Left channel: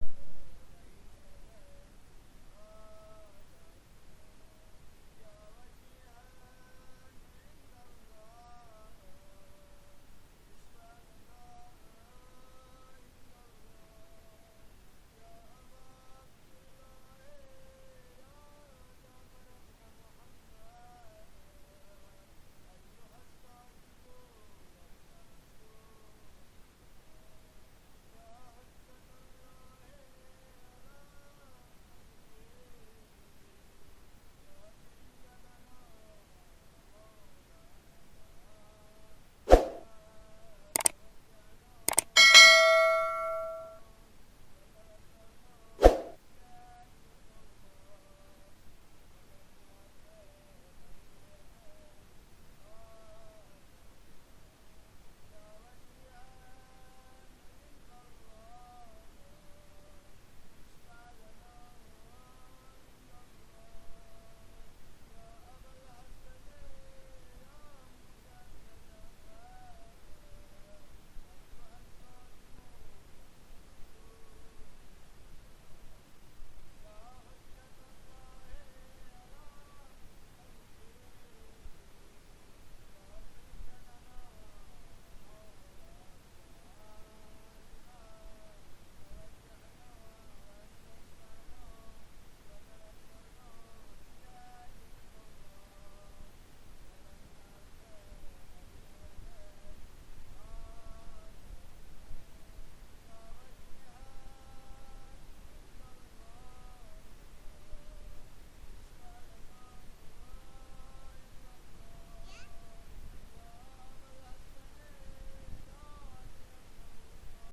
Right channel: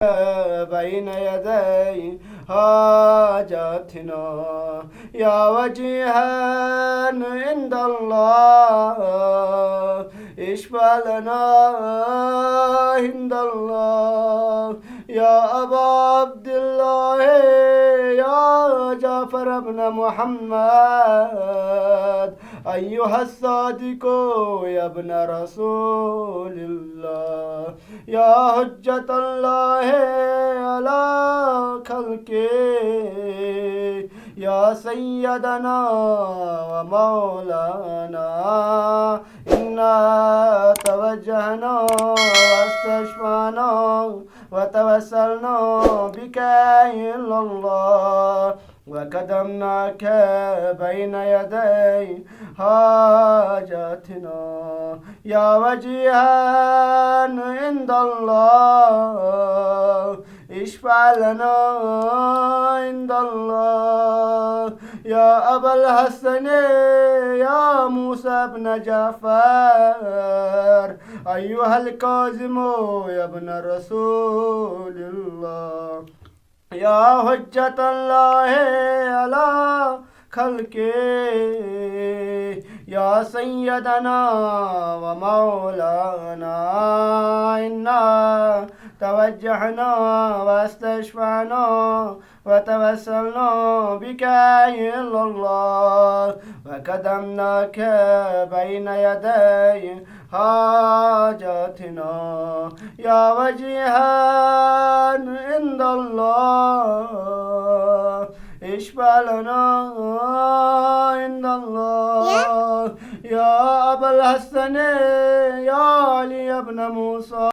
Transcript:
بين يدي حاجاتنا يا وجيها عند الله اشفع لنا عند الله يا أبا عبد الله يا جعفر بن محمد أيها الصادق يا ابن رسول الله يا حجة الله على خلقه يا سيدنا ومولانا إنا توجهنا واستشفعنا وتوسلنا بك إلى الله وقدمناك بين يدي حاجاتنا يا وجيها عند الله اشفع لنا عند الله يا أبا الحسن يا موسى بن جعفر أيها الكاظم يا ابن رسول الله يا حجة الله على خلقه يا سيدنا ومولانا إنا توجهنا واستشفعنا وتوسلنا بك إلى الله وقدمناك بين يدي حاجاتنا يا وجيها عند الله اشفع لنا عند الله يا أبا الحسن يا علي بن موسى